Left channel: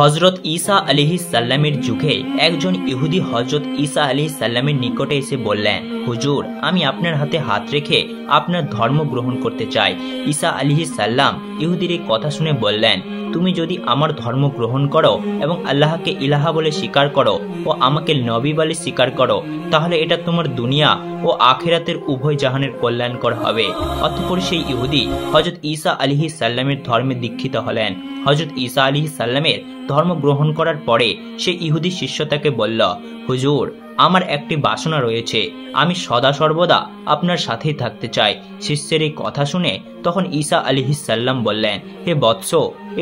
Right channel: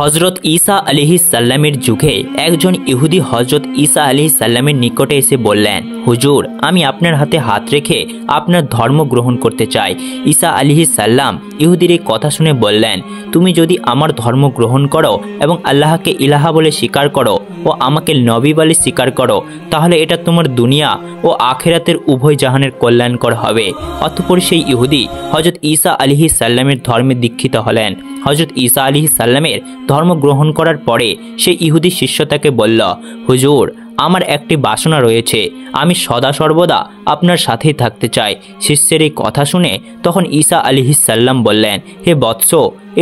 হজরত ঈসা আলাইহিস সাল্লামের যুগে একজন ইহুদি হজরত ঈসা আলাইহিস সাল্লামের নিকটে এসে বললেন, হুজুর, আমি আপনার হাতে হাত রেখে আপনার ধর্ম গ্রহণ করতে চাই। ঈসা আলাইহিস সাল্লাম ইহুদির এই কথা শুনে বললেন, তুমি যদি আমার ধর্ম গ্রহণ করো এবং আল্লাহকে ইলাহা বলে স্বীকার করো ও আমাকে নবী বলে স্বীকার করো, তাহলে এটা তোমার দুনিয়া ও আখিরাতের উভয় জাহানের কল্যাণকর হবে। অতঃপর সেই ইহুদি হজরত ঈসা আলাইহিস সাল্লামের ধর্মে দীক্ষিত হলেন। হজরত ঈসা আলাইহিস সাল্লামের ধর্ম গ্রহণ করার পরে সেই ইহুদি শিষ্য তাকে বলল, হুজুর, আমার একটি বাসনা রয়েছে, আমি সদা সর্বদা আপনার সাথেই থাকতে চাই। শিষ্যের এই কথা শুনে তখন ঈসা আলাইহিস সাল্লাম বললেন, হে বৎস,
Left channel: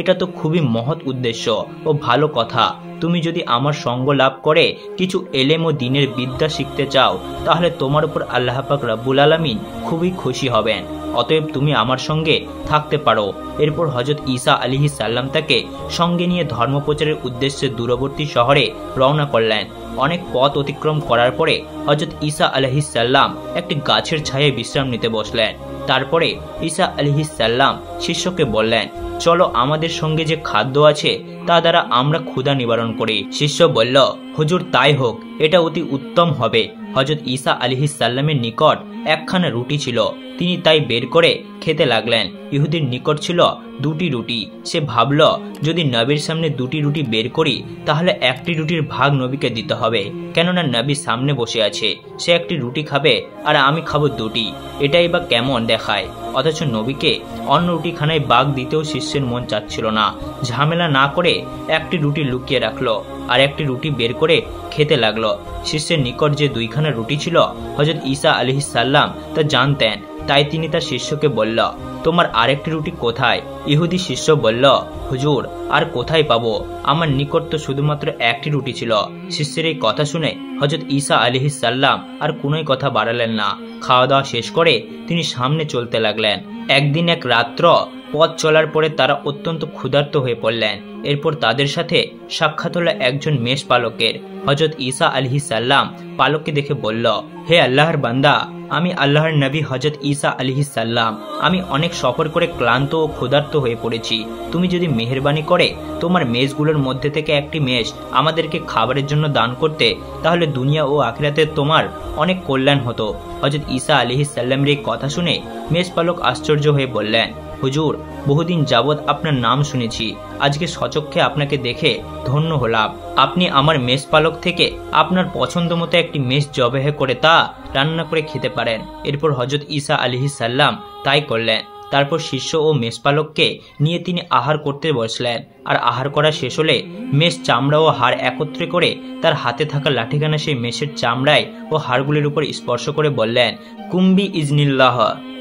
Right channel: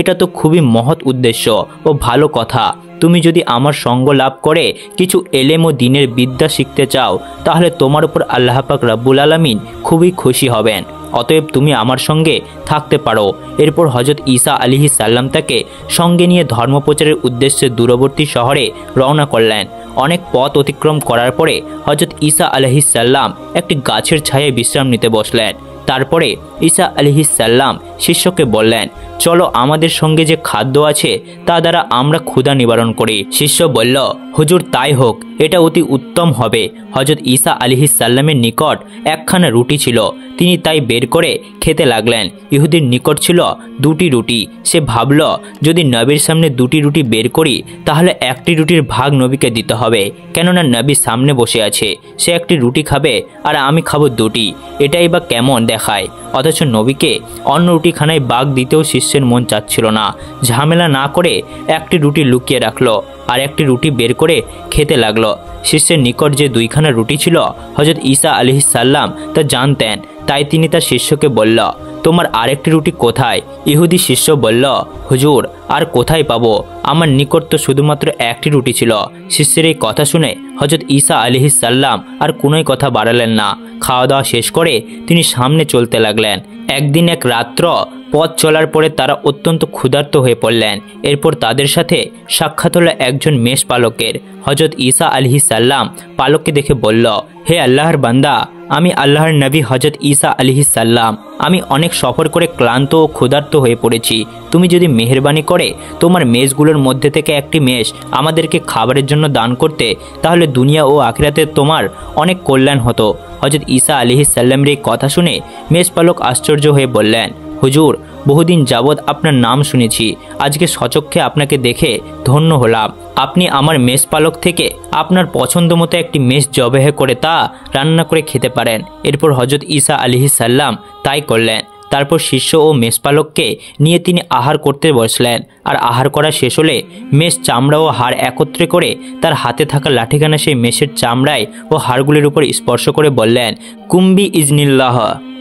এটা তো খুবই মহৎ উদ্দেশ্য ও ভালো কথা। তুমি যদি আমার সঙ্গ লাভ করে কিছু এলেম ও দ্বীনের বিদ্যা শিখতে চাও, তাহলে তোমার উপর আল্লাহ পাক রব্বুল আলামিন খুবই খুশি হবেন। অতএব তুমি আমার সঙ্গে থাকতে পারো। এরপর হজরত ঈসা আলাইহিস সাল্লাম তাকে সঙ্গে নিয়ে ধর্মপ্রচারের উদ্দেশ্যে দূরবর্তী শহরে রওনা করলেন। অনেক পথ অতিক্রম করার পরে হজরত ঈসা আলাইহিস সাল্লাম একটি গাছের ছায়ায় বিশ্রাম নিতে বসলেন। তারপরে ঈসা আলাইহিস সাল্লাম শিষ্যকে বললেন, চলো আমাদের সঙ্গে যে খাদ্য আছে তা দ্বারা আমরা ক্ষুধা নিবারণ করি। শিষ্য বলল, হুজুর, তাই হোক, এটা অতি উত্তম হবে। হজরত ঈসা আলাইহিস সাল্লামের নিকট একখানা রুটি ছিল, তিনি তাই বের করে খেতে লাগলেন। ইহুদির নিকট ছিল দুটি রুটি। সে ভাবল, যদি নবীর সামনে দুটি রুটি বের করি তাহলে একটি রুটির ভাগ নবীকে দিতে হবে, কেননা নবী সামনে বসে আছে। সে একটি রুটি খাবে আর আমি খাবো দুটি, এটাই বা কেমন দেখায়। অথচ নবীকে অন্য রুটিখানায় ভাগ দিতেও শিষ্যের মন চাচ্ছিল না। ঝামেলা না করে একটি রুটি লুকিয়ে রাখলো আর একটি রুটি বের করে খেতে লাগলো। শিষ্যের নিকট যে দুইখানা রুটি ছিল হজরত ঈসা আলাইহিস সাল্লাম তা জানতেন, তাই তিনি তার শিষ্যকে বলল, তোমার আরেকটি রুটি কোথায়? ইহুদি শিষ্য বলল, হুজুর, আর কোথায় পাবো, আমার নিকট তো শুধুমাত্র একটি রুটি ছিল। শিষ্যের এই কথা শুনে হজরত ঈসা আলাইহিস সাল্লাম আর কোনোই কথা বাড়ালেন না। খাওয়া দাওয়া শেষ করে তিনি সামনে চলতে লাগলেন। একদিন এক রাত্র পথ চলার পরে তারা অত্যন্ত ক্ষুধার্ত হয়ে পড়লেন। এরপর তাদের সাথে সাক্ষাৎ হলো একজন মেষ পালকের। হজরত ঈসা আলাইহিস সাল্লাম পালককে দেখে বলল, হে আল্লাহর বান্দা, আমি আল্লাহর নবী হজরত ঈসা আলাইহিস সাল্লাম। আমি অনেক সফর করে ক্লান্ত ও ক্ষুধার্ত হয়ে পড়েছি। তুমি যদি মেহেরবানি করে তোমার মেষগুলোর মধ্যে থেকে একটি মেষ আমাদেরকে খাবারের জন্য দান করতে, তাহলে দুনিয়া ও আখিরাতে তোমার অনেক কল্যাণ হতো। হজরত ঈসা আলাইহিস সাল্লামের এই কথা শুনে মেষ পালক আশ্চর্য হয়ে বললেন, হুজুর, বহুদিন যাবৎ আপনার নাম শুনেছি, আজকে সচক্ষে আপনাকে দেখে ধন্য হলাম। আপনি আমার মেষ পালক থেকে আপনার পছন্দ মতো একটি মেষ জবেহ করে তা রান্না করে খেতে পারেন। এরপর হজরত ঈসা আলাইহিস সাল্লাম তাই করলেন। তারপর শিষ্য ও মেষপালককে নিয়ে তিনি আহার করতে বসলেন। আর আহার করা শেষ হলে মেষ চামড়া ও হাড় একত্রে করে তার হাতে থাকা লাঠিখানা সেই মেষের চামড়ায় ও হাড়গুলির উপর স্পর্শ করে বললেন, কুম্বি ইজনিল্লাহ,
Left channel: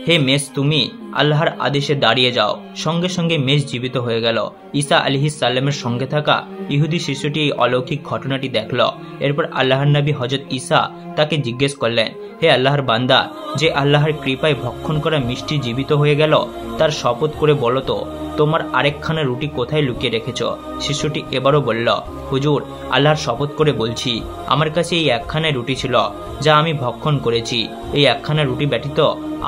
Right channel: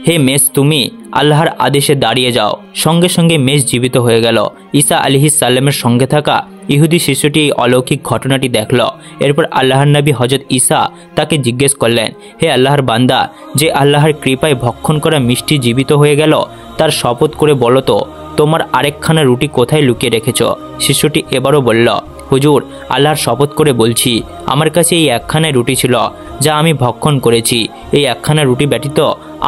হে মেষ, তুমি আল্লাহর আদেশে দাঁড়িয়ে যাও। সঙ্গে সঙ্গে মেষ জীবিত হয়ে গেল। ঈসা আলাইহিস সাল্লামের সঙ্গে থাকা ইহুদি শিশুটি এই অলৌকিক ঘটনাটি দেখল। এরপর আল্লাহর নবী হজরত ঈসা তাকে জিজ্ঞেস করলেন, হে আল্লাহর বান্দা, যে আল্লাহর কৃপায় ভক্ষণ করা মিষ্টি জীবিত হয়ে গেল, তার শপথ করে বলো তো, তোমার আরেকখানা রুটি কোথায় লুকিয়ে রেখেছ? শিশুটি এবারও বলল, হুজুর, আল্লাহর শপথ করে বলছি, আমার কাছে এই একখানায় রুটি ছিল যা আমি ভক্ষণ করেছি। এই একখানা রুটি ব্যতীত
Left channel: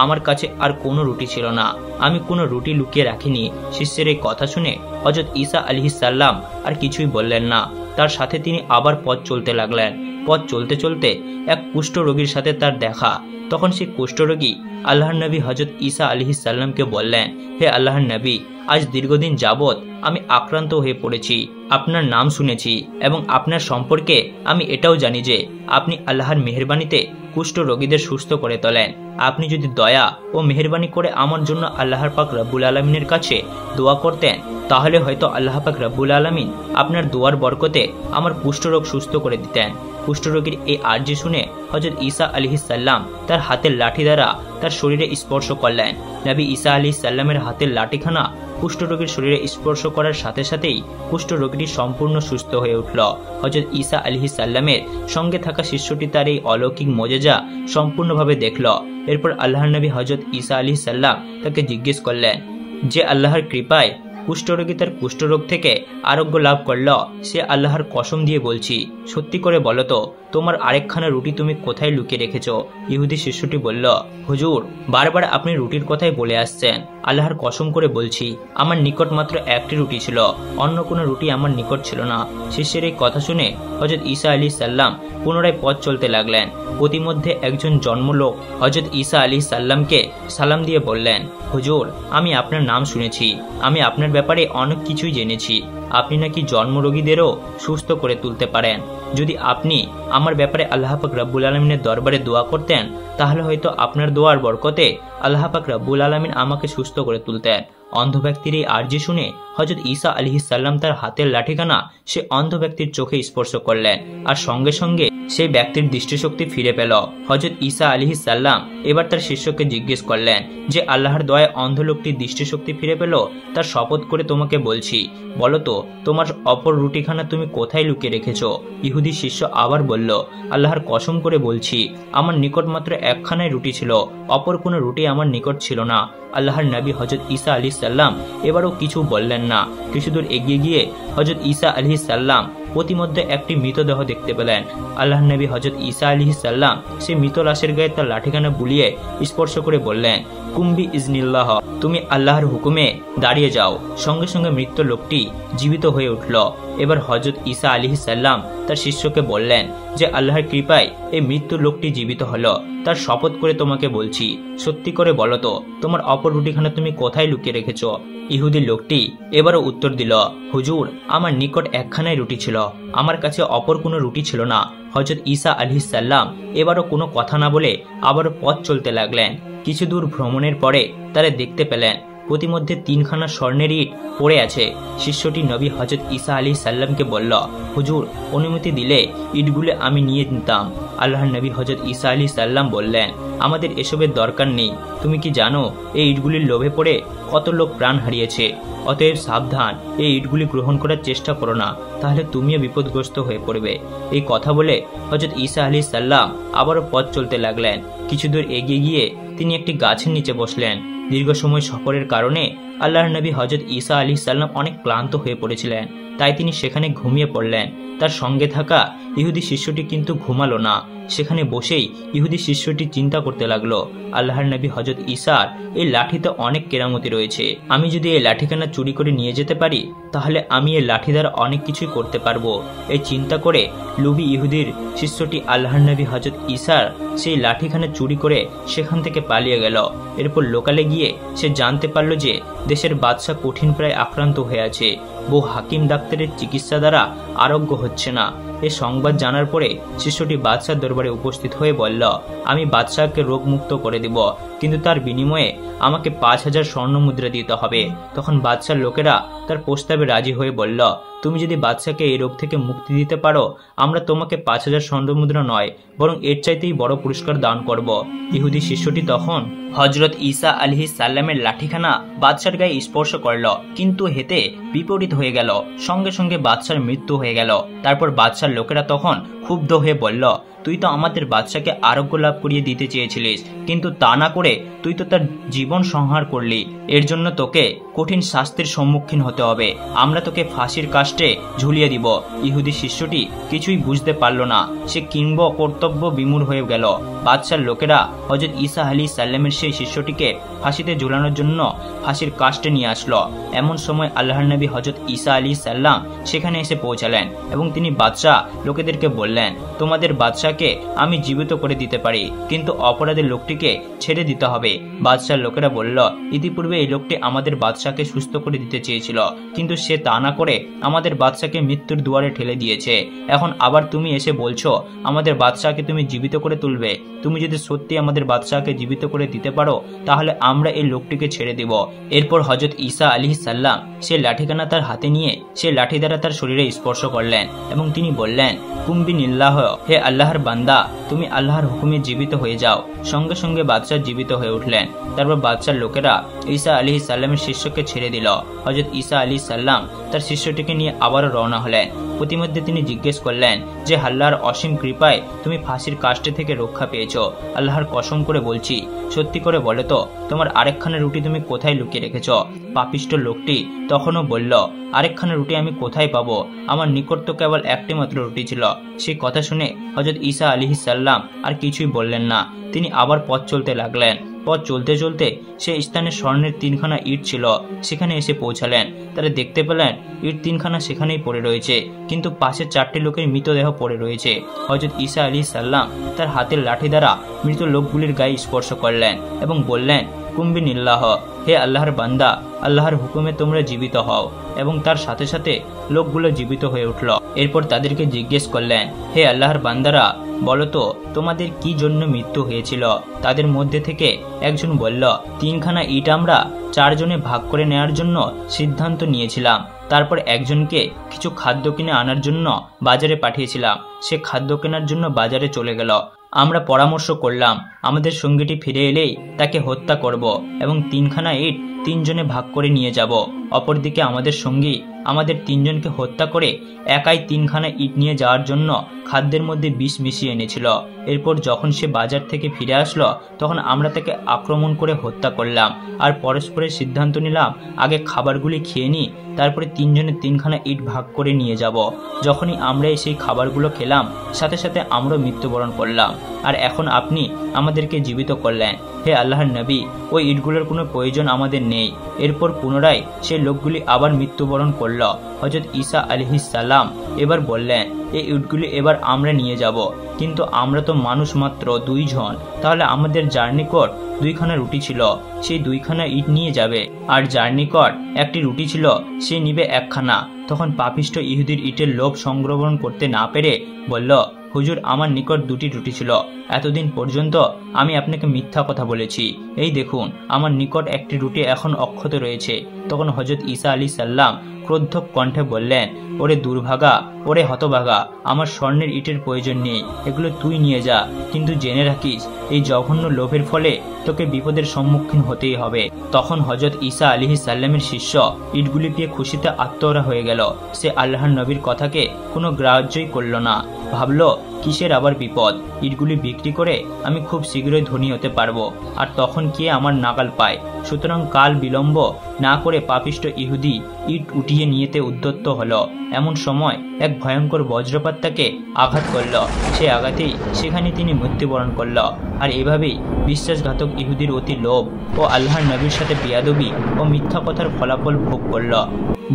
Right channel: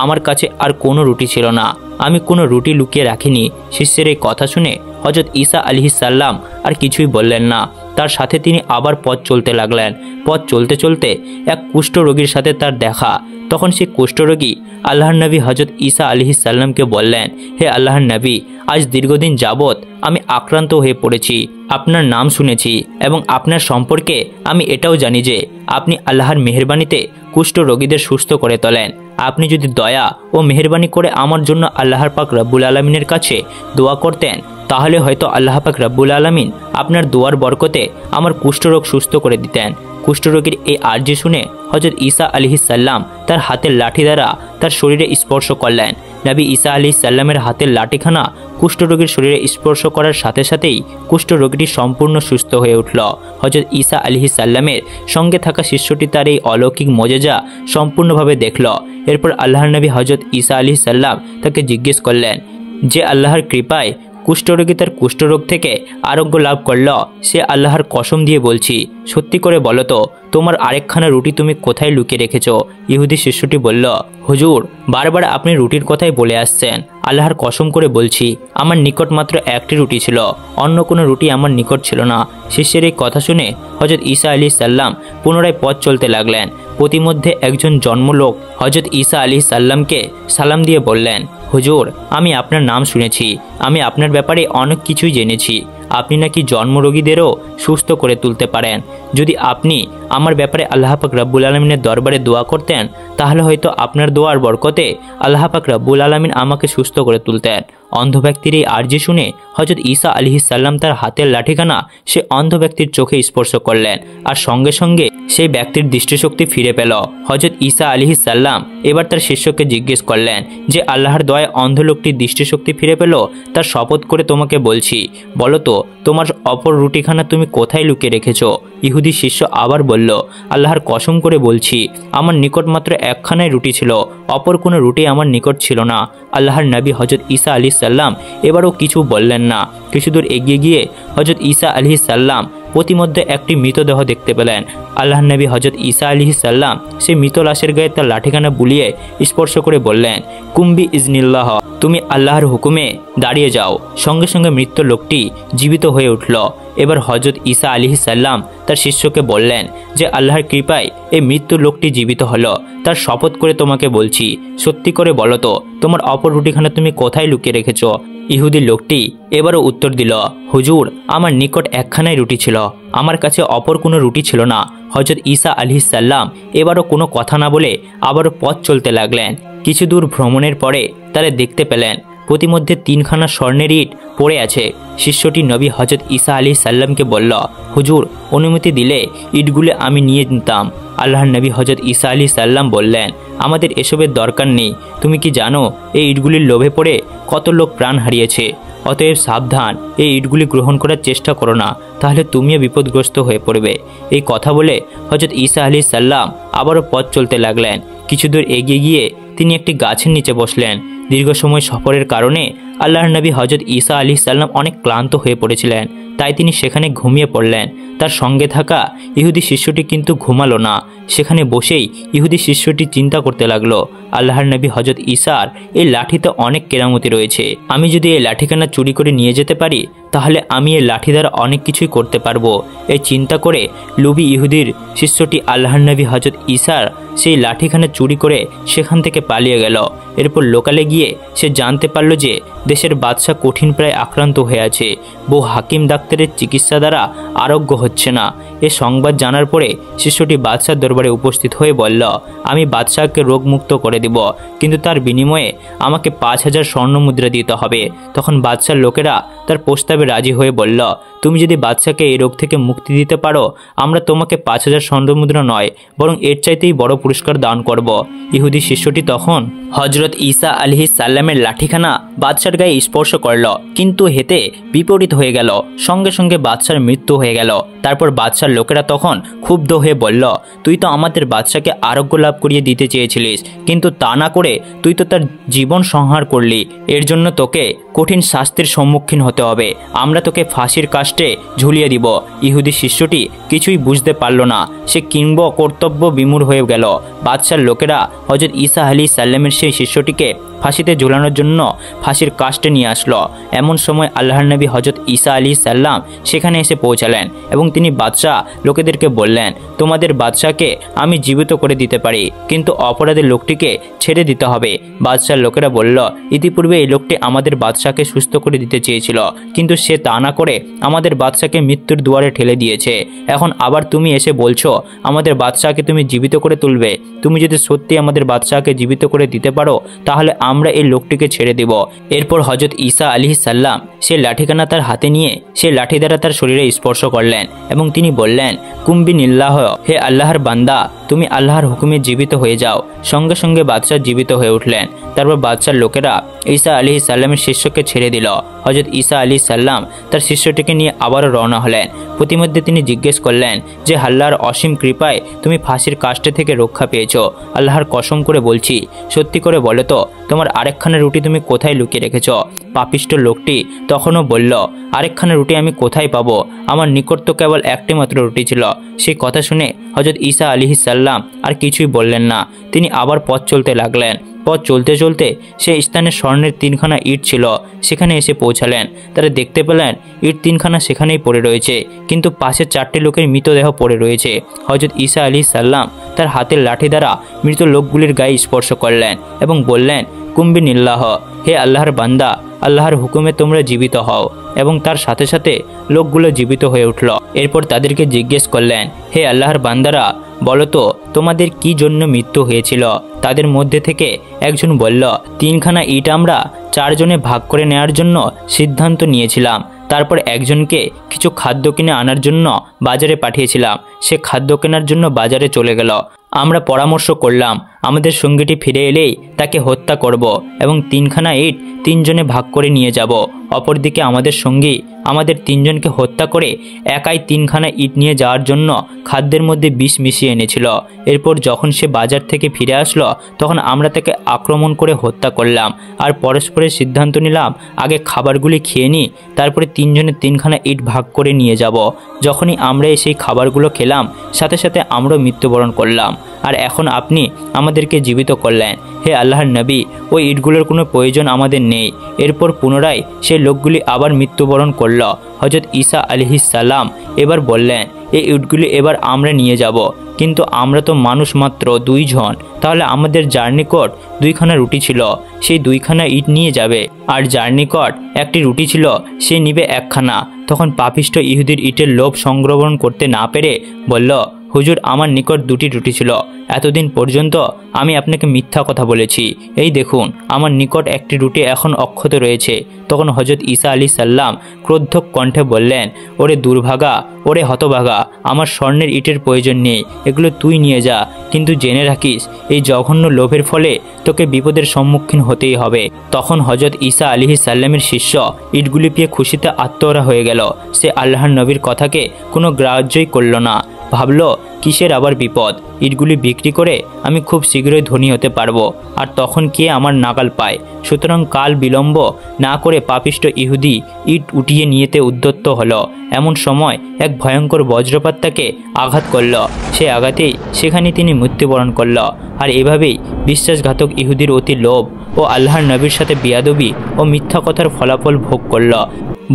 আমার কাছে আর কোনো রুটি ছিল না, আমি কোনো রুটি লুকিয়ে রাখিনি। শিষ্যের এই কথা শুনে হজরত ঈসা আলাইহিস সাল্লাম আর কিছুই বললেন না। তার সাথে তিনি আবার পথ চলতে লাগলেন। পথ চলতে চলতে এক কুষ্ঠ রোগীর সাথে তার দেখা। তখন সেই কুষ্ঠরোগী আল্লাহর নবী হজরত ঈসা আলাইহিস সাল্লামকে বললেন, হে আল্লাহর নবী, আজ দীর্ঘদিন যাবৎ আমি আক্রান্ত হয়ে পড়েছি। আপনার নাম শুনেছি এবং আপনার সম্পর্কে আমি এটাও জানি যে আপনি আল্লাহর মেহেরবানিতে কুষ্ঠ রোগীদের সুস্থ করে তোলেন। আপনি যদি দয়া ও মেহেরবানি করে আমার জন্য আল্লাহর পাক রব্বুল আলমিনের কাছে দোয়া করতেন, তাহলে হয়তো আল্লাহ পাক রব্বুল আলমিন আপনার দোয়ার বরকতে আমার কুষ্ঠরোগ সুস্থ করে দিতেন। কুষ্ঠরোগীর এই আর্জি শুনে হজরত ঈসা আলাইহিস সাল্লাম তার হাতের লাঠি দ্বারা তার শরীরে স্পর্শ করলেন। নবী ঈসা আলাইহিস সাল্লামের হাতের লাঠিখানা কুষ্ঠরোগীর শরীরে স্পর্শ করার সাথে সাথেই কুষ্ঠরোগীটি সম্পূর্ণ সুস্থ হয়ে উঠল। হজরত ঈসা আলাইহিস সাল্লামের সঙ্গে থাকা শিষ্যটি তার এই অলৌকিক মজেজা সম্পূর্ণভাবে দেখল। এরপর আল্লাহর নবী হজরত ঈসা আলাইহিস সাল্লাম তাকে জিজ্ঞেস করলেন, যে আল্লাহর কৃপায় কুষ্ঠরোগী তার কুষ্ঠরোগ থেকে আরোগ্য লাভ করল, সে আল্লাহর কসম দিয়ে বলছি, সত্যি করে বলো তো তোমার আরেকখানা রুটি তুমি কোথায় লুকিয়ে রেখেছো? ইহুদি শিষ্যটি বলল, হুজুর বারবার আপনি রুটির কথাই বলে আসছেন, আল্লাহর কসম করে বলছি আমার নিকট মাত্র একটি রুটি ছিল, অন্য কোনো রুটি আমার নিকট ছিল না। শিষ্যের এই কথা শুনে হযরত ঈসা আলাইহিস সালাম পুনরায় পথ চলতে লাগলেন। প্রতিমধ্যে একজন জন্মলোক হযরত ঈসা আলাইহিস সালামকে সালাম দিয়ে বললেন, হুজুর আমি আপনার নাম শুনেছি, আমি আপনার ব্যাপারে অনেক কিছুই জেনেছি। আপনি নাকি জন্মরোগীদেরও সুস্থ করে তুলতে পারেন। যদি আপনি আমার ব্যাপারে আল্লাহ পাক রব্বুল আলামিনের দরবারে দোয়া করতেন তাহলে হয়তো আপনার দোয়ার বরকতে আল্লাহ পাক রব্বুল আলামিন আমাকে সুস্থ করে তুলতেন। অন্ধ ব্যক্তির এই আরজি শুনে হযরত ঈসা আলাইহিস সালাম তার হাতের লাঠিখানা সে অন্ধ ব্যক্তির চোখে স্পর্শ করলেন, আর সঙ্গে সঙ্গে সেই ব্যক্তির দৃষ্টিশক্তি ফিরে পেল। হযরত ঈসা আলাইহিস সালাম এবার তার শিষ্যকে জিজ্ঞেস করলেন যে আল্লাহর দয়ায় অন্ধ লোকটির দৃষ্টিশক্তি ফিরে পেল, তার শপথ করে তোমাকে বলছি, বলো তো তোমার অপর রুটিখানা তুমি কোথায় লুকিয়ে রেখেছো? ইহুদি শিষ্য আবার বলল, আল্লাহর কসম করে বলছি আমার নিকট মাত্র একখানাই রুটি ছিল, অপর কোনো রুটি আমার নিকট ছিল না। আল্লাহর নবী হযরত ঈসা আলাইহিস সালাম এবারও কিছু বললেন না। কিছু দূর এগিয়ে গিয়ে হযরত ঈসা আলাইহিস সালাম প্রতিমধ্যে একটি মৃতদেহ দেখতে পেলেন। আল্লাহর নবী হযরত ঈসা আলাইহিস সালাম সেই মৃত লাশের গায়ে তার লাঠিখানা বুলিয়ে স্পর্শ করে বললেন, কুম্বি ইজনিল্লাহ, তুমি আল্লাহর হুকুমে দাঁড়িয়ে যাও। সঙ্গে সঙ্গে মৃত লোকটি জীবিত হয়ে উঠল। এবার হযরত ঈসা আলাইহিস সালাম তার শিষ্যকে বললেন যে আল্লাহর কৃপায় এই মৃত্যু লোকটি জীবিত হলো, তার শপথ করে তোমাকে বলছি সত্যি করে বলো তো তোমার অপর রুটিখানা তুমি কোথায় লুকিয়ে রেখেছো? ইহুদি লোকটি এবারও উত্তর দিল, হুজুর আমার নিকট একখানাই রুটি ছিল, আমার কাছে অপর কোনো রুটি ছিল না। হযরত ঈসা আলাইহিস সালাম এবারও কোনো কথা না বলে আবারও পথ চলতে লাগলেন। কিছু দূর ভ্রমণের পরে তারা দেখতে পেলেন প্রতিমধ্যে তিনখানা স্বর্ণের ইট পড়ে আছে। শিষ্যটি নবী হযরত ঈসা আলাইহিস সালামকে বলল, হুজুর অনুমতি দিলে ইটগুলো আমি নিয়ে নিতাম। আল্লাহর নবী হযরত ঈসা আলাইহিস সালাম বললেন, আমাদের এসবের দরকার নেই। তুমি কি জানো এই ইটগুলির লোভে পড়ে কত লোক প্রাণ হারিয়েছে? অতএব সাবধান, এই ইটগুলি গ্রহণ করার চেষ্টা করো না, তাহলে তুমিও বিপদগ্রস্ত হয়ে পড়বে। এই কথা বলে হযরত ঈসা আলাইহিস সালাম আবারও পথ চলতে লাগলেন। কিছু দূর এগিয়ে গিয়ে তিনি একটি গাছের নিচে বসলেন। দীর্ঘ সময় সফরের কারণে আল্লাহর নবী হযরত ঈসা আলাইহিস সালাম অনেক ক্লান্ত হয়ে পড়েছিলেন, তাই তিনি সেখানে ঘুমিয়ে পড়লেন। তার সঙ্গে থাকা ইহুদি শিষ্যটি কিন্তু ঘুমালো না। সেখানে বসেই ইহুদি শিষ্যটি চিন্তা করতে লাগলো, আল্লাহর নবী হযরত ঈসার এই লাঠিতে অনেক কেরামতি রয়েছে। আমি যদি এই লাঠিখানা চুরি করে নিয়ে যেতে পারি তাহলে আমি এই লাঠি দ্বারা অনেক কিছুই করতে পারবো। এই চিন্তা করে লোভী ইহুদির শিষ্যটি আল্লাহর নবী হযরত ঈসার সেই লাঠিখানা চুরি করে সেখান থেকে পালিয়ে গেল। এরপর লোকালে গিয়ে সে জানতে পারল যে দেশের বাদশাহ কঠিন প্রায় আক্রান্ত হয়ে আছে, বহু হাকিম ডাক্তারের চিকিৎসা দ্বারা আরোগ্য হচ্ছে না। এ সংবাদ জানার পরে শিষ্যটি বাদশার দরবারে উপস্থিত হয়ে বলল, আমি বাদশাহকে রোগমুক্ত করে দিব, কিন্তু তার বিনিময়ে আমাকে 5000 স্বর্ণ মুদ্রা দিতে হবে। তখন বাদশার লোকেরা তার প্রস্তাবে রাজি হয়ে বলল, তুমি যদি বাদশাকে এই রোগ থেকে মুক্তি দিতে পারো আমরা তোমাকে 5000 স্বর্ণ মুদ্রা নয় বরং এর চাইতেই বড় পুরস্কার দান করব। ইহুদি শিষ্যটি তখন হযরত ঈসা আলাইহিস সালামের লাঠিখানা বাদশার গায়ে স্পর্শ করল, কিন্তু হেতে বিপরীত হয়ে গেল। সঙ্গে সঙ্গে বাদশার মৃত্যু হয়ে গেল। তারপর বাদশার লোকেরা তখন ক্ষুব্ধ হয়ে বলল, তুই তো আমাদের বাদশাকে আরোগ্য লাভ করিয়ে দিতে চেয়েছিলিস, কিন্তু তা না করে তুই তো তার জীবন সংহার করলি। এর জন্য তোকে কঠিন শাস্তির সম্মুখীন হতে হবে। আমরা তোকে ফাঁসির কাস্টে ঝুলিয়ে দিব। ইহুদি শিষ্যটি কিছুই বুঝতে পারল না। সে কিংব কর্তব্য বিমূঢ় হয়ে গেল। বাদশার লোকেরা হযরত ঈসা আলাইহিস সালামের সেই শিষ্যটিকে ফাঁসিতে ঝুলানোর জন্য ফাঁসির কাস্টে নিয়ে আসলো। এমন সময় আল্লাহর নবী হযরত ঈসা আলাইহিস সালাম সেখানে এসে পৌঁছালেন এবং তিনি বাদশাহ লোকেদেরকে বললেন, তোমাদের বাদশাকে আমি জীবিত করে দিতে পারি, কিন্তু অপরাধের লোকটিকে ছেড়ে দিতে হবে। বাদশার লোকেরা বলল, ইতিপূর্বে এই লোকটি আমাদের বাদশাকে সুস্থ করে দিতে চেয়েছিল, কিন্তু সে তা না করে আমাদের বাদশাকে মৃত্যুর দুয়ারে ঠেলে দিয়েছে। এখন আবার তুমি এসে বলছো আমাদের বাদশাকে তুমি জীবিত করে তুলবে। তুমি যদি সত্যি আমাদের বাদশাকে জীবিত করে দিতে পারো তাহলে আমরা এই লোকটিকে ছেড়ে দেব। এরপর হযরত ঈসা আলাইহিস সালাম সে লাঠিখানা তার হাতে নিয়ে সে লাঠি দ্বারা তার শরীরে স্পর্শ করলেন এবং তিনি বললেন, কুম্বিনিল্লাহ, হে আল্লাহর বান্দা, তুমি আল্লাহর হুকুমে জীবিত হয়ে যাও। সঙ্গে সঙ্গে বাদশাহ জীবিত হয়ে উঠলেন। তারপর বাদশার লোকেরা ঈসা আলাইহিস সালামের শিষ্যকে ছেড়ে দিল। হযরত ঈসা আলাইহিস সালাম তার শিষ্যটিকে নিয়ে আবারও রওনা হলেন। প্রতিমধ্যে তিনি জিজ্ঞেস করলেন যে আল্লাহর অসীম কৃপায় তুমি ফাঁসির কাষ্টে থেকে রক্ষা পেয়েছো। আল্লাহর কসম করে বলছি, সত্যি করে বলো তো তোমার আরেকখানা রুটি তুমি কোথায় লুকিয়ে রেখেছ? পাপিষ্ট লোকটি তখনও বলল, আরেকখানা রুটি আমি কোথায় পাবো? আমার নিকট তো কেবল একটি মাত্র রুটি ছিল। সেই কথা শুনে হযরত ঈসা আলাইহিস সালাম আর কিছুই বললেন না। তিনি আবার পথ চলতে লাগলেন। পথ চলতে চলতে সেই স্থানে স্বর্ণের 3খানা ইট ছিল। সেখানে এসে পৌঁছালেন। তারা দেখতে পেলেন ইট 3খানা সেখানেই পড়ে রয়েছে, কিন্তু পাশে 4টি লোকের মৃতদেহ পড়ে রয়েছে। হযরত ঈসা আলাইহিস সালাম তার হাতের লাঠি দ্বারা মৃত লোকগুলির গায়ে স্পর্শ করলেন এবং বললেন, কুম্বিনিল্লাহ, হে আল্লাহর বান্দা, আল্লাহর হুকুমে তোমরা জীবিত হও। এবং তার সাথে সাথে লোকগুলো জীবিত হয়ে উঠল। এরপর তাদেরকে জিজ্ঞেস করলেন, হে আল্লাহর বান্দারা, বলো তো তোমাদের কি জন্য মৃত্যু হয়েছিল? তাদের মধ্যে থেকে একজন বলল, 3খানা ইট আমরা 4 জনে ভাগ করে নেওয়ার জন্য সিদ্ধান্ত নিয়েছিলাম। তারপর একজনকে কিছু খাদ্য কিনে আনার জন্য বাজারে পাঠিয়েছিলাম। সে খাদ্য কেনার জন্য বাজারে চলে গেল। আমরা পরামর্শ করলাম আমাদের সঙ্গীটি ফিরে এলেই তাকে হত্যা করব এবং 3খানা ইট 3 জনে ভাগ করে নিয়ে যাব। অপরদিকে আমাদের সঙ্গী আমাদের 3 জনকে হত্যা করে একাই 3খানা ইট নিয়ে যাওয়ার জন্য খাদ্যের মধ্যে বিষ মিশিয়ে এনেছিল। এরপর যখন সে বাজার থেকে ফিরে আসলো তখন আমরা তাকে আক্রমণ করে হত্যা করলাম আর পরস্পরের সিদ্ধান্ত নিলাম আগে খাবারগুলি খেয়ে নিই, তারপরে 3 জনে 3খানা ইট ভাগ করে নিয়ে যাব। যখনই আমরা সেই খাবারগুলো খেলাম সাথে সাথে আমরা মৃত্যুবরণ করলাম। আর এখন আপনি আমাদেরকে জীবিত করলেন। হে আল্লাহর নবী, ওই ইটগুলোর কোনো প্রয়োজন আমাদের নেই। এরপর পুনরায় সেই লোকগুলি আবার মৃত্যুবরণ করল। হযরত ঈসা আলাইহিস সালাম এবার বললেন, এই ইটগুলি এবার আমরা নিয়ে যাব, কিন্তু আমরা তো মানুষ মাত্র 2 জন। তাহলে আমাদের যার নিকট 2খানা রুটি ছিল সেই 2খানা ইট নিয়ে যাবে, আর যার নিকট একটি রুটি ছিল সে নিবে 1খানা। তখন পাপিষ্ট ইহুদির ইটের লোভ সংগ্রহণ করতে না পেরে বলল, হুজুর, আমার নিকট 2টি রুটি ছিল। এতদিন পর্যন্ত আমি আপনাকে মিথ্যা কথা বলেছি। এই দেখুন, আমার নিকট একটি রুটি এখন অক্ষত রয়েছে। তখন হযরত ঈসা আলাইহিস সালাম ক্রোধক কণ্ঠে বললেন, ওরে দুর্ভাগা, ওরে হতভাগা, আমার স্বর্ণের ইটের প্রয়োজন নেই, এগুলো তুই নিয়ে যা। কিন্তু জেনে রাখিস, এই জঘন্য লোভের ফলে তোকে বিপদের সম্মুখীন হতেই হবে। তখন হযরত ঈসা আলাইহিস সালামের শিষ্য ইটগুলি পেয়ে খুশিতে আত্মহারা হয়ে গেল। সে আল্লাহর নবীর কথাকে কোনো গ্রাহ্যই করল না। ভাবলো, কিসের আবার বিপদ? ইটগুলি বিক্রি করে আমি খুব শীঘ্রই ধনী হতে পারবো, আর তখন কে আমার নাগাল পায়। সুতরাং কাল বিলম্ব না করে পাপিষ্ট ইহুদি ইট উঠিয়ে নিয়েতে উদ্যত হলো। এমন সময় এক ভয়ঙ্কর বজ্রপাত তাকে আঘাত করল। সে আঘাতেই সেখানে তিনি মৃত্যুবরণ করল। আর এভাবেই বিশ্বাসঘাতক ইহুদির অতি লোভ ও আল্লাহর নবীর সাথে বিয়াদবি ও মিথ্যা কথার ফলাফল ভোগ করল।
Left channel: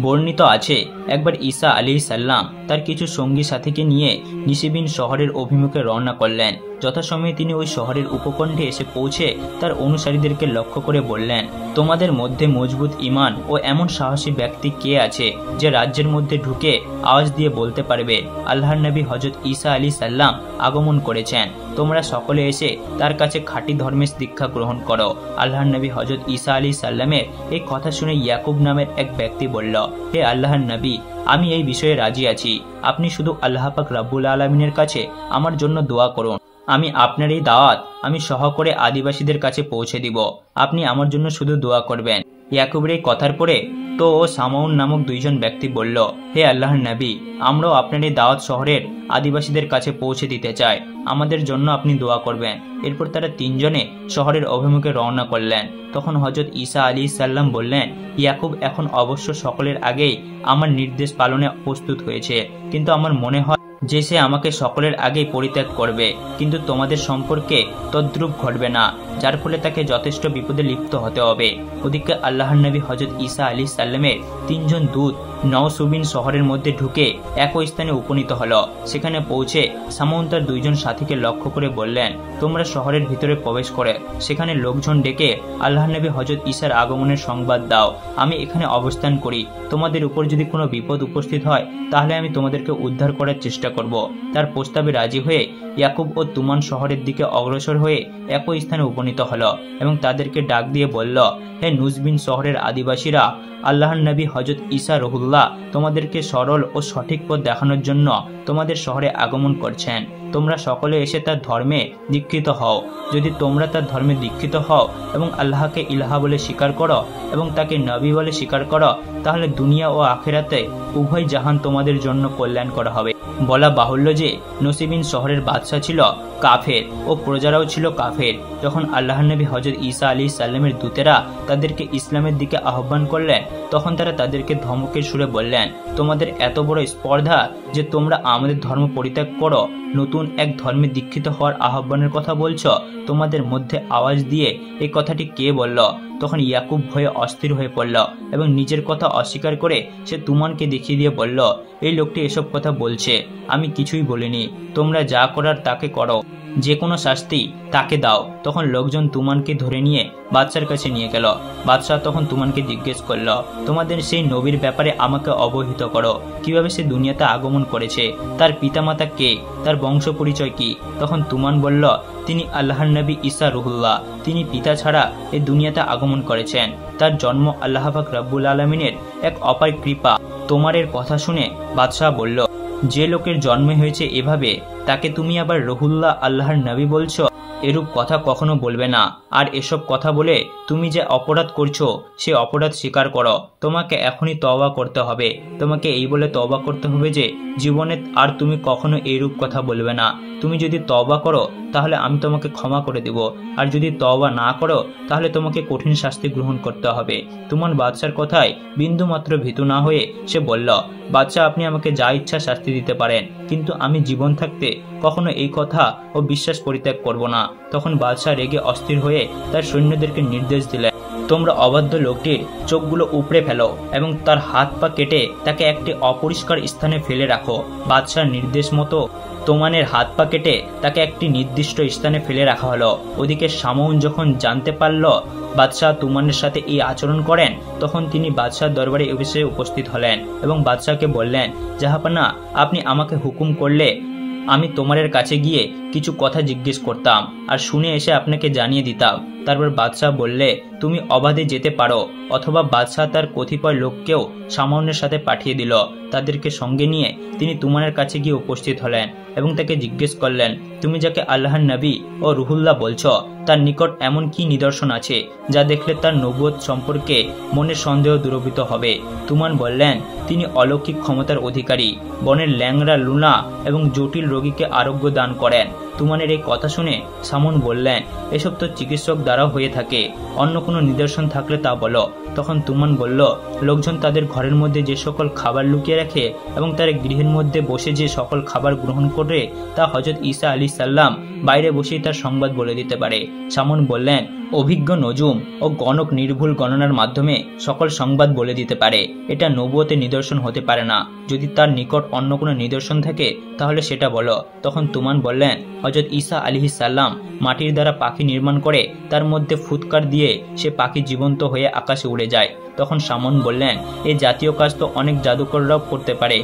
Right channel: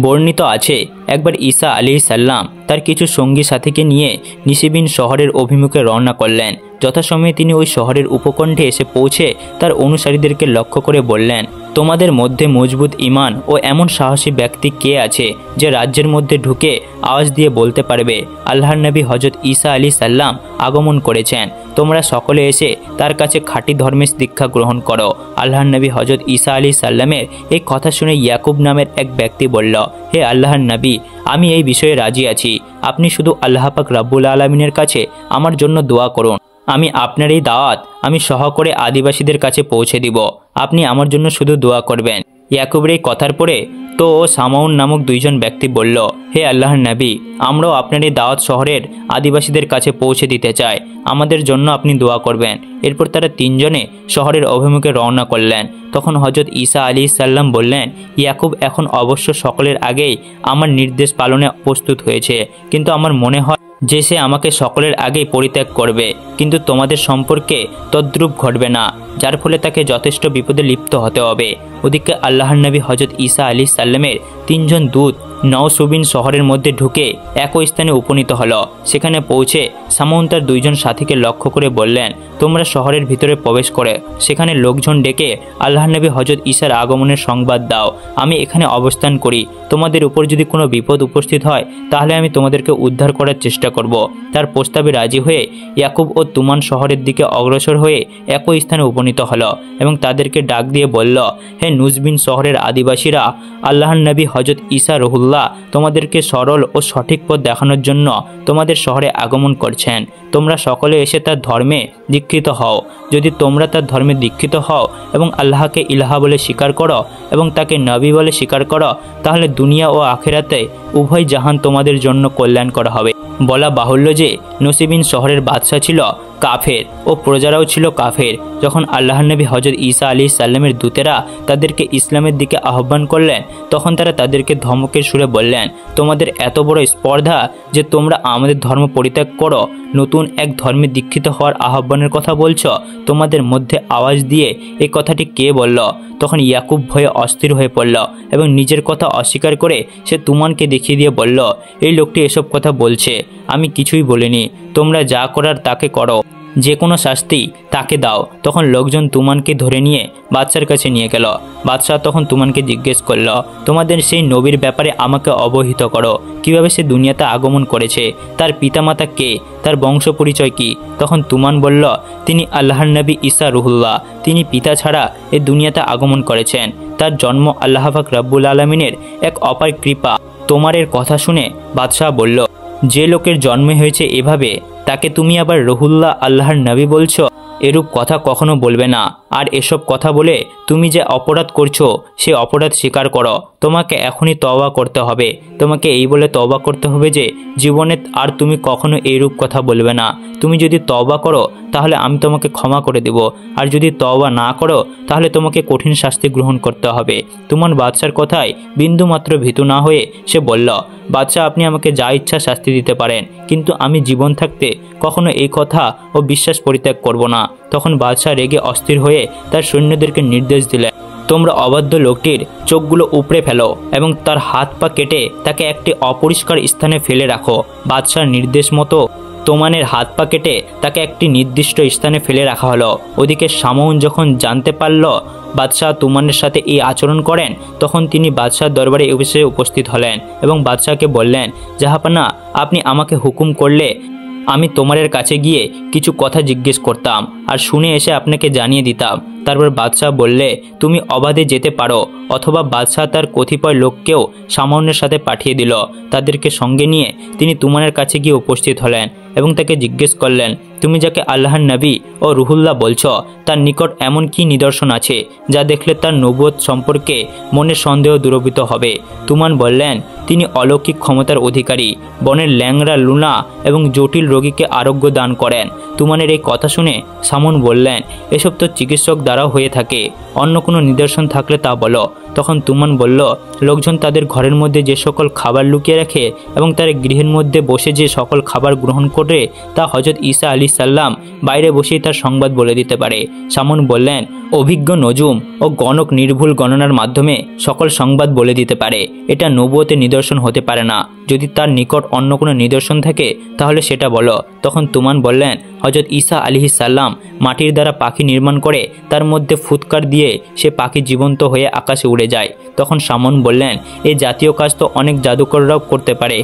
বর্ণিত আছে, একবার ঈসা আলাইহিস সালাম তার কিছু সঙ্গী সাথীকে নিয়ে নিশিবিন শহরের অভিমুখে রওনা করলেন। যথাসময়ে তিনি ওই শহরের উপকণ্ঠে এসে পৌঁছে তার অনুসারীদেরকে লক্ষ্য করে বললেন, তোমাদের মধ্যে মজবুত ঈমান ও এমন সাহসী ব্যক্তি কে আছে যে রাজ্যের মধ্যে ঢুকে আওয়াজ দিয়ে বলতে পারবে, আল্লাহর নবী হযরত ঈসা আলাইহিস সালাম আগমন করেছেন। তোমরা সকলে এসে তার কাছে খাঁটি ধর্মের দীক্ষা গ্রহণ করো। আল্লাহর নবী হযরত ঈসা আলাইহিস সালামের এই কথা শুনে ইয়াকুব নামের এক ব্যক্তি বলল, হে আল্লাহর নবী, আমি এই বিষয়ে রাজি আছি। আপনি শুধু আল্লাহ পাক রব্বুল আলামিনের কাছে আমার জন্য দোয়া করুন। আমি আপনার এই দাওয়াত আমি সহকারে আদিবাসীদের কাছে পৌঁছে দিব। আপনি আমার জন্য শুধু দোয়া করবেন। ইয়াকুবের এই কথার পরে তো সামাউন নামক 2 জন ব্যক্তি বলল, হে আল্লাহর নবী, আমরাও আপনার এই দাওয়াত শহরের আদিবাসীদের কাছে পৌঁছে দিতে চাই, আমাদের জন্য আপনি দোয়া করবেন। এরপর তারা 3 জনে শহরের অভিমুখে রওনা করলেন। তখন হযরত ঈসা আলাইহিস সালাম বললেন, ইয়াকুব এখন অবশ্য সকলের আগেই আমার নির্দেশ পালনে প্রস্তুত হয়েছে, কিন্তু আমার মনে হয় যে সে আমাকে সকলের আগেই পরিত্যাগ করবে, কিন্তু তোমাদের সম্পর্কে তদ্রূপ ঘটবে না, যার ফলে তাকে যথেষ্ট বিপদে লিপ্ত হতে হবে। ওদিকে আল্লাহর নবী হযরত ঈসা আলাইহিস সালামের 3 জন দূত নওসুবিন শহরের মধ্যে ঢুকে একই স্থানে উপনীত হলো। সেখানে পৌঁছে সামউন তার 2 জন সাথীকে লক্ষ্য করে বললেন, তোমরা শহরের ভিতরে প্রবেশ করে সেখানে লোকজন ডেকে আল্লাহর নবী হযরত ঈসার আগমনের সংবাদ দাও। আমি এখানে অবস্থান করি, তোমাদের উপর যদি কোনো বিপদ উপস্থিত হয় তাহলে আমি তোমাদেরকে উদ্ধার করার চেষ্টা করব। তার প্রস্তাবে রাজি হয়ে ইয়াকুব ও তুমান শহরের দিকে অগ্রসর হয়ে একই স্থানে উপনীত হলো এবং তাদেরকে ডাক দিয়ে বলল, হে নুজবিন শহরের আদিবাসীরা, আল্লাহর নবী হজরত ঈসা রুহুল্লাহ তোমাদেরকে সরল ও সঠিক পথ দেখানোর জন্য তোমাদের শহরে আগমন করছেন। তোমরা সকলে এসে তার ধর্মে দীক্ষিত হও। যদি তোমরা তার ধর্মে দীক্ষিত হও এবং আল্লাহকে ইলাহা বলে স্বীকার করো এবং তাকে নবী বলে স্বীকার করো, তাহলে দুনিয়া ও আখিরাতে উভয় জাহান তোমাদের জন্য কল্যাণকর হবে। বলা বাহুল্য যে নসিবিন শহরের বাদশাহ ছিল কাফের ও প্রজারাও ছিল কাফের। যখন আল্লাহর নবী হজরত ঈসা আলাইহিস সালামের দূতেরা তাদেরকে ইসলামের দিকে আহ্বান করলেন, তখন তারা তাদেরকে ধমকের সুরে বললেন, তোমাদের এত বড় স্পর্ধা যে তোমরা আমাদের ধর্ম পরিত্যাগ করো, নতুন এক ধর্মে দীক্ষিত হওয়ার আহ্বানের কথা বলছো। তোমাদের মধ্যে আওয়াজ দিয়ে এই কথাটি কে বলল? তখন ইয়াকুব ভয়ে অস্থির হয়ে পড়ল এবং নিজের কথা অস্বীকার করে সে তুমানকে দেখিয়ে দিয়ে বলল, এই লোকটি এসব কথা বলছে, আমি কিছুই বলিনি। তোমরা যা করার তাকে করো, যে কোনো শাস্তি তাকে দাও। তখন লোকজন তুমানকে ধরে নিয়ে বাদশার কাছে নিয়ে গেল। বাদশাহ তখন তুমানকে জিজ্ঞেস করল, তোমাদের সেই নবীর ব্যাপারে আমাকে অবহিত করো। কিভাবে সে দুনিয়াতে আগমন করেছে, তার পিতামাতা কে, তার বংশ পরিচয় কি? তখন তুমান বলল, তিনি আল্লাহর নবী ঈসা রুহুল্লাহ। তিনি পিতা ছাড়া এই দুনিয়াতে আগমন করেছেন। তার জন্ম আল্লাহ পাক রব্বুল আলামিনের এক অপার কৃপা। তোমারের কথা শুনে বাদশাহ বলল, যে লোকের জন্ম হয়েছে এভাবে, তাকে তুমি আবার রহুল্লাহ আল্লাহর নবী বলছো? এরূপ কথা কখনো বলবে না। আর এসব কথা বলে তুমি যে অপরাধ করছো সে অপরাধ স্বীকার করো। তোমাকে এখনই তওবা করতে হবে। তোমাকে এই বলে তওবা করতে হবে যে জীবনে আর তুমি কখনো এইরূপ কথা বলবে না। তুমি যদি তওবা করো তাহলে আমি তোমাকে ক্ষমা করে দেব, আর যদি তওবা না করো তাহলে তোমাকে কঠিন শাস্তি গ্রহণ করতে হবে। তুমান বাদশার কথায় বিন্দুমাত্র ভীতু না হয়ে সে বলল, বাদশাহ আপনি আমাকে যা ইচ্ছা শাস্তি দিতে পারেন, কিন্তু আমি জীবন থাকতে কখনো এই কথা ও বিশ্বাস পরিত্যাগ করব না। তখন বাদশাহ রেগে অস্থির হয়ে তার সৈন্যদেরকে নির্দেশ দিলেন, তোমরা অবাধ্য লোকটির চোখগুলো উপড়ে ফেলো এবং তার হাত পা কেটে তাকে একটি অপরিষ্কার স্থানে ফেলে রাখো। বাদশার নির্দেশ মতো তোমানের হাত পা কেটে তাকে একটি নির্দিষ্ট স্থানে ফেলে রাখা হলো। ওদিকে শামউন যখন জানতে পারল বাদশাহ তুমানের সাথে এই আচরণ করেন, তখন তিনি বাদশার দরবারে এসে উপস্থিত হলেন এবং বাদশাহকে বললেন, জাহাপানা, আপনি আমাকে হুকুম করলে আমি তোমারের কাছে গিয়ে কিছু কথা জিজ্ঞেস করতাম আর শুনে এসে আপনাকে জানিয়ে দিতাম। তারপর বাদশাহ বললে, তুমি অবাধে যেতে পারো। অথবা বাদশাহ তার কতিপয় লোককেও শামউনের সাথে পাঠিয়ে দিল। তাদেরকে সঙ্গে নিয়ে তিনি তুমানের কাছে গিয়ে উপস্থিত হলেন এবং তাকে জিজ্ঞেস করলেন, তুমি যাকে আল্লাহর নবী ও রুহুল্লাহ বলছো, তার নিকট এমন কি নিদর্শন আছে যা দেখলে তার নবুয়ত সম্পর্কে মনের সন্দেহ দূরীভূত হবে? তুমান বললেন, তিনি অলৌকিক ক্ষমতার অধিকারী, বনের ল্যাংড়া, লুনা এবং জটিল রোগীকে আরোগ্য দান করেন। তুমানের এই কথা শুনে শামউন বললেন, এসব তো চিকিৎসক দ্বারা হয়ে থাকে, অন্য কোনো নিদর্শন থাকলে তা বলো। তখন তুমান বলল, লোকজন তাদের ঘরের মধ্যে যে সকল খাবার লুকিয়ে রাখে এবং তার গৃহের মধ্যে বসে যে সকল খাবার গ্রহণ করে তা হযরত ঈসা আলাইহিস সালাম বাইরে বসেই তার সংবাদ বলে দিতে পারে। শামউন বললেন, অভিজ্ঞ নজুম ও গণক নির্ভুল গণনার মাধ্যমে সকল সংবাদ বলে দিতে পারে। এটা নবুয়তের নিদর্শন হতে পারে না। যদি তার নিকট অন্য কোনো নিদর্শন থাকে তাহলে সেটা বলো। তখন তুমান বললেন, হযরত ঈসা আলাইহিস সালাম মাটির দ্বারা পাখি নির্মাণ করে তার মধ্যে ফুৎকার দিয়ে সে পাখি জীবন্ত হয়ে আকাশে উড়ে যায়। তখন শামউন বললেন, এই জাতীয় কাজ তো অনেক জাদুকররাও করতে পারে।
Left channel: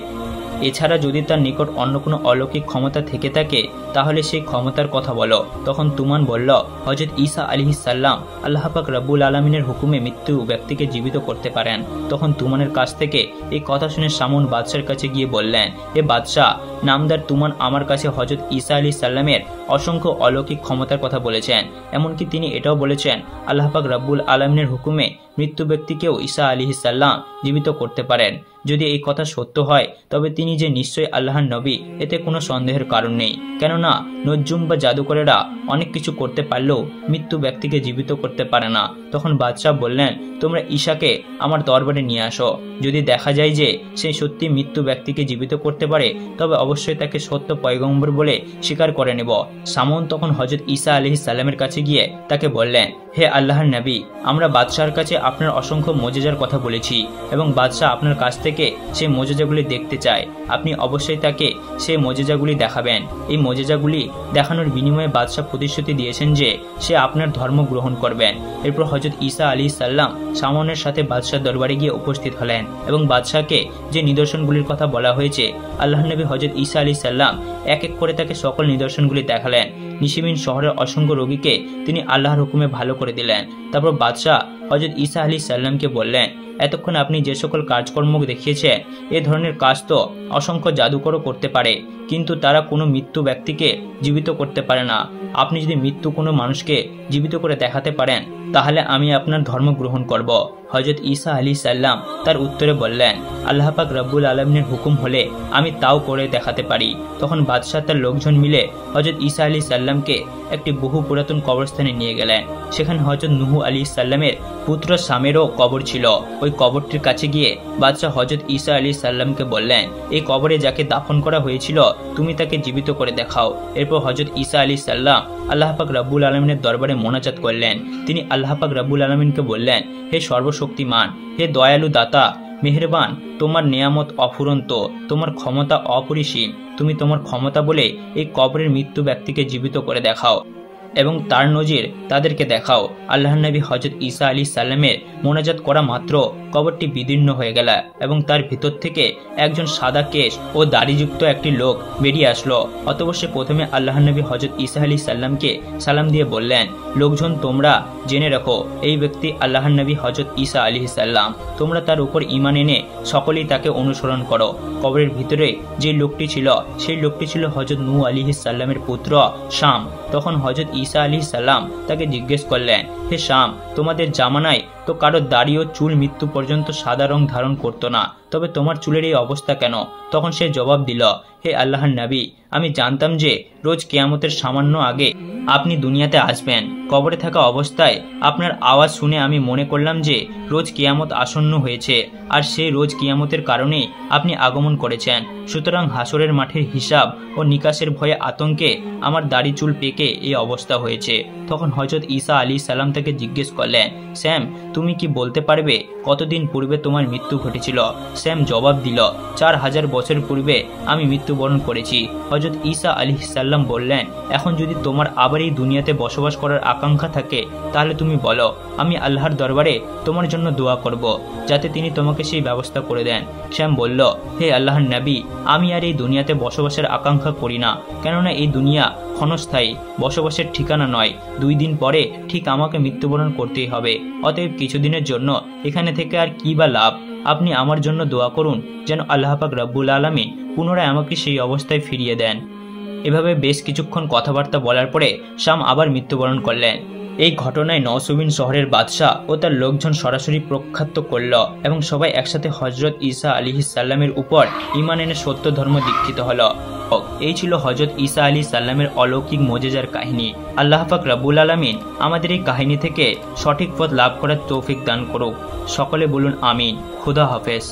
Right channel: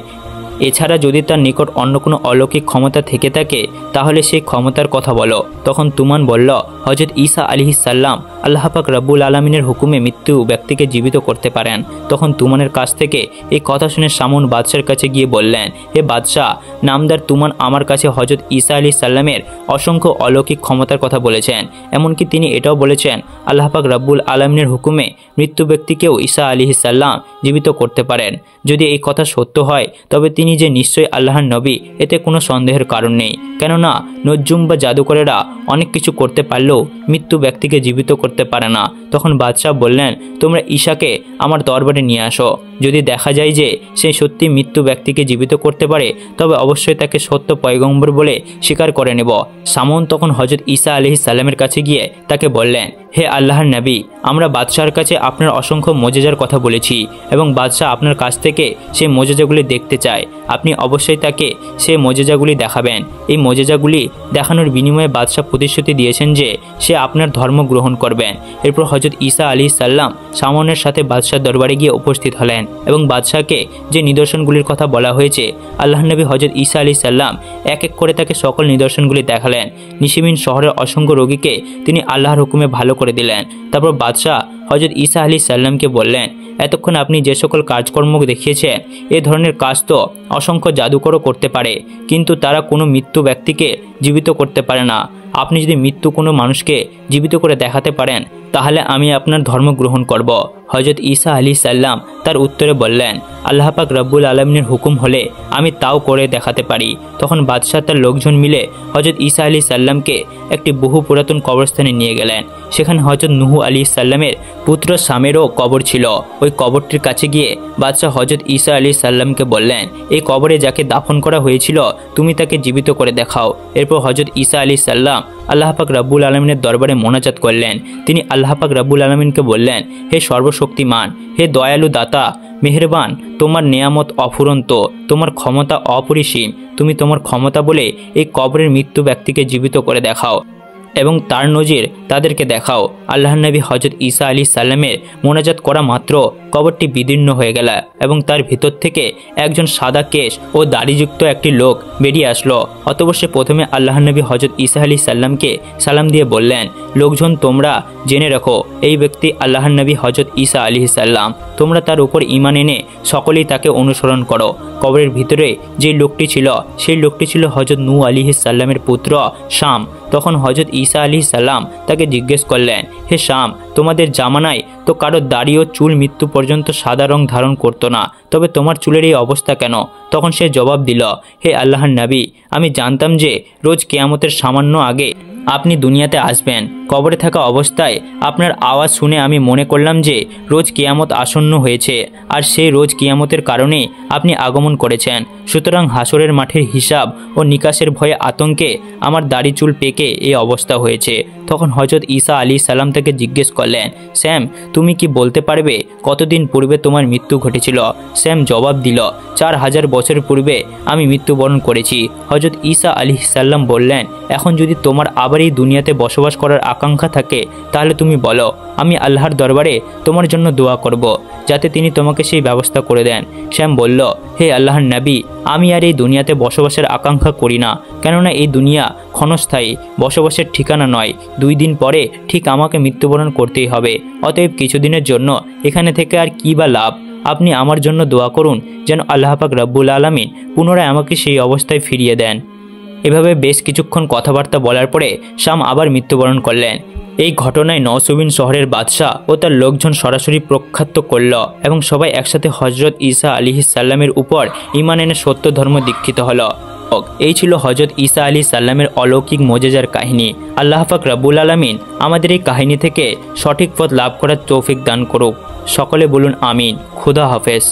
এছাড়া যদি তার নিকট অন্য কোনো অলৌকিক ক্ষমতা থেকে থাকে তাহলে সেই ক্ষমতার কথা বলো। তখন তুমান বলল, হযরত ঈসা আলাইহিস সালাম আল্লাহ পাক রব্বুল আলামিনের হুকুমে মৃত্যু ব্যক্তিকে জীবিত করতে পারেন। তখন তুমানের কাছ থেকে এই কথা শুনে শামউন বাদশার কাছে গিয়ে বললেন, হে বাদশাহ, নামদার তুমান আমার কাছে হযরত ঈসা আলাইহিস সালামের অসংখ্য অলৌকিক ক্ষমতার কথা বলেছেন। এমনকি তিনি এটাও বলেছেন আল্লাহ পাক রব্বুল আলামিনের হুকুমে মৃত্যু ব্যক্তিকেও ঈসা আলাইহিস সালাম জীবিত করতে পারেন। যদি এই কথা সত্য হয় তবে তিনি যে নিশ্চয়ই আল্লাহর নবী, এতে কোনো সন্দেহের কারণ নেই। কেননা নজ্জুম বা জাদুকরেরা অনেক কিছু করতে পারলেও মৃত্যু ব্যক্তিকে জীবিত করতে পারে না। তখন বাদশাহ বললেন, তোমরা ঈশাকে আমার দরবারে নিয়ে আসো। যদি দেখা যায় যে সে সত্যি মৃত্যু ব্যক্তিকে জীবিত করতে পারে তবে অবশ্যই তাকে সত্য পয়গম্বর বলে স্বীকার করে নেব। শামউন তখন হযরত ঈসা আলাইহিস সালামের কাছে গিয়ে তাকে বললেন, হে আল্লাহর নবী, আমরা বাদশাহর কাছে আপনার অসংখ্য মুজিজার কথা বলেছি এবং বাদশাহ আপনার কাছ থেকে সেই মুজিজাগুলি দেখতে চায়। আপনি অবশ্যই তাকে সে মোজেজাগুলি দেখাবেন। এই মোজেজাগুলি দেখানোর বিনিময়ে বাদশাহ প্রতিশ্রুতি দিয়েছেন যে সে আপনার ধর্ম গ্রহণ করবেন। এরপর হজরত ঈসা আলাইহিস সালাম শামনের সাথে বাদশাহ দরবারে গিয়ে উপস্থিত হলেন এবং বাদশাহকে যে নিদর্শনগুলির কথা বলা হয়েছে আল্লাহ নবী হজরত ঈসা আলাইহিস সালাম এক এক করে তাকে সকল নিদর্শনগুলি দেখালেন। নিশিমিন শহরের অসংখ্য রোগীকে তিনি আল্লাহর হুকুমে ভালো করে দিলেন। তারপর বাদশাহ হজরত ঈসা আলাইহিস সালামকে বললেন, এতক্ষণ আপনি যে সকল কাজকর্ম দেখিয়েছেন এ ধরনের কাজ তো অসংখ্য জাদুকরও করতে পারে, কিন্তু তারা কোনো মৃত্যু ব্যক্তিকে জীবিত করতে পারে না। আপনি যদি মৃত্যু কোনো মানুষকে জীবিত করে দেখাতে পারেন তাহলে আমি আপনার ধর্ম গ্রহণ করব। হজরত ঈসা আলাইহিস সালাম তার উত্তরে বললেন, আল্লাহ পাক রব্বুল আলামিনের হুকুম হলে আমি তাও করে দেখাতে পারি। তখন বাদশাহ তার লোকজন মিলে হজরত ঈসা আলাইহিস সালামকে একটি বহু পুরাতন কবরস্থানে নিয়ে গেলেন। সেখানে হজরত নূহ আলাইহিস সালামের পুত্র শামেরও কবর ছিল। ওই কবরটির কাছে গিয়ে বাদশাহ হজরত ঈসা আলাইহিস সালামকে বললেন, এই কবরে যাকে দাফন করা হয়েছিল তুমি তাকে জীবিত করে দেখাও। এরপর হজরত ঈসা আলাইহিস সালাম আল্লাহ পাক রব্বুল আলামিনের দরবারে মোনাজাত করলেন। তিনি আল্লাহ পাক রব্বুল আলামিনকে বললেন, হে সর্বশক্তিমান, হে দয়ালু দাতা, মেহেরবান, তোমার নেয়ামত অফুরন্ত, তোমার ক্ষমতা অপরিসীম। তুমি তোমার ক্ষমতা বলে এই কবরের মৃত্যু ব্যক্তিকে জীবিত করে দেখাও এবং তার নজির তাদেরকে দেখাও। আল্লাহ নবী হজরত ঈসা আলাইহিস সালামের মোনাজাত করা মাত্র কবরটি বিদীর্ণ হয়ে গেল এবং তার ভিতর থেকে একজন সাদা কেশ ও দাড়িযুক্ত একটি লোক বেরিয়ে আসলো। অতঃপর সে প্রথমে আল্লাহ নবী হজরত ঈসা আলাইহিস সালামকে সালাম দিয়ে বললেন, লোকজন তোমরা জেনে রাখো এই ব্যক্তি আল্লাহ নবী হজরত ঈসা আলাইহিস সালাম। তোমরা তার উপর ঈমান এনে সকলেই তাকে অনুসরণ করো। কবরের ভিতরে যে লোকটি ছিল সেই লোকটি ছিল হজরত নূহ আলাইহিস সালামের পুত্র শাম। তখন হজরত ঈসা আলাইহিস সালাম তাকে জিজ্ঞেস করলেন, হে শাম, তোমাদের জামানায় তো কারো দাড়ি ও চুল মৃত্যু পর্যন্ত সাদা রং ধারণ করতো না, তবে তোমার চুলের এই অবস্থা কেন? তখন সে জবাব দিল, হে আল্লাহর নবী, আমি জানতাম যে রোজ কিয়ামতের সামান্য আগে আপনি দুনিয়াতে আসবেন। কবরে থাকা অবস্থায় আপনার আওয়াজ শুনে আমি মনে করলাম যে রোজ কিয়ামত আসন্ন হয়েছে, আর সেই রোজ কিয়ামতের কারণে আপনি আগমন করেছেন। সুতরাং হাসরের মাঠের হিসাব ও নিকাশের ভয়ে আতঙ্কে আমার দাড়ি চুল পেকে এই অবস্থা হয়েছে। তখন হজরত ঈসা আলাইহিস সালাম তাকে জিজ্ঞেস করলেন, স্যাম, তুমি কি বলতে পারবে কতদিন পূর্বে তোমার মৃত্যু ঘটেছিল? স্যাম জবাব দিল, 4000 বছর পূর্বে আমি মৃত্যুবরণ করেছি। হজরত ঈসা আলাইহিস সালাম বললেন, এখন যদি তোমার আবার এই দুনিয়াতে বসবাস করার আকাঙ্ক্ষা থাকে তাহলে তুমি বলো, আমি আল্লাহর দরবারে তোমার জন্য দোয়া করব যাতে তিনি তোমাকে সেই ব্যবস্থা করে দেন। শ্যাম বলল, হে আল্লাহর নবী, আমি আর এই দুনিয়াতে বসবাসের আকাঙ্ক্ষা করি না, কেননা এই দুনিয়া ক্ষণস্থায়ী, বসবাসের ঠিকানা নয়। 2 দিন পরে ঠিক আমাকে মৃত্যুবরণ করতেই হবে। অতএব কিছুদিনের জন্য এখানে থেকে আর কি বা লাভ? আপনি আমার জন্য দোয়া করুন যেন আল্লাহ পাক রব্বুল আলামিন পুনরায় আমাকে সেই অবস্থায় ফিরিয়ে দেন। এভাবে বেশ কিছুক্ষণ কথাবার্তা বলার পরে শাম আবার মৃত্যুবরণ করলেন। এই ঘটনায় নওসুবিন শহরের বাদশাহ ও তার লোকজন সরাসরি প্রখ্যাত করল এবং সবাই একসাথে হজরত ঈসা আলাইহিস সালামের উপর ঈমান এনে সত্য ধর্ম দীক্ষিত হলো। এই ছিল হজরত ঈসা আলাইহিস সালামের অলৌকিক মোজেজার কাহিনী। আল্লাহ পাক রব্বুল আলামিন আমাদের এই কাহিনী থেকে সঠিক পথ লাভ করার তৌফিক দান করুক। সকলে বলুন আমিন। খুদা হাফেজ।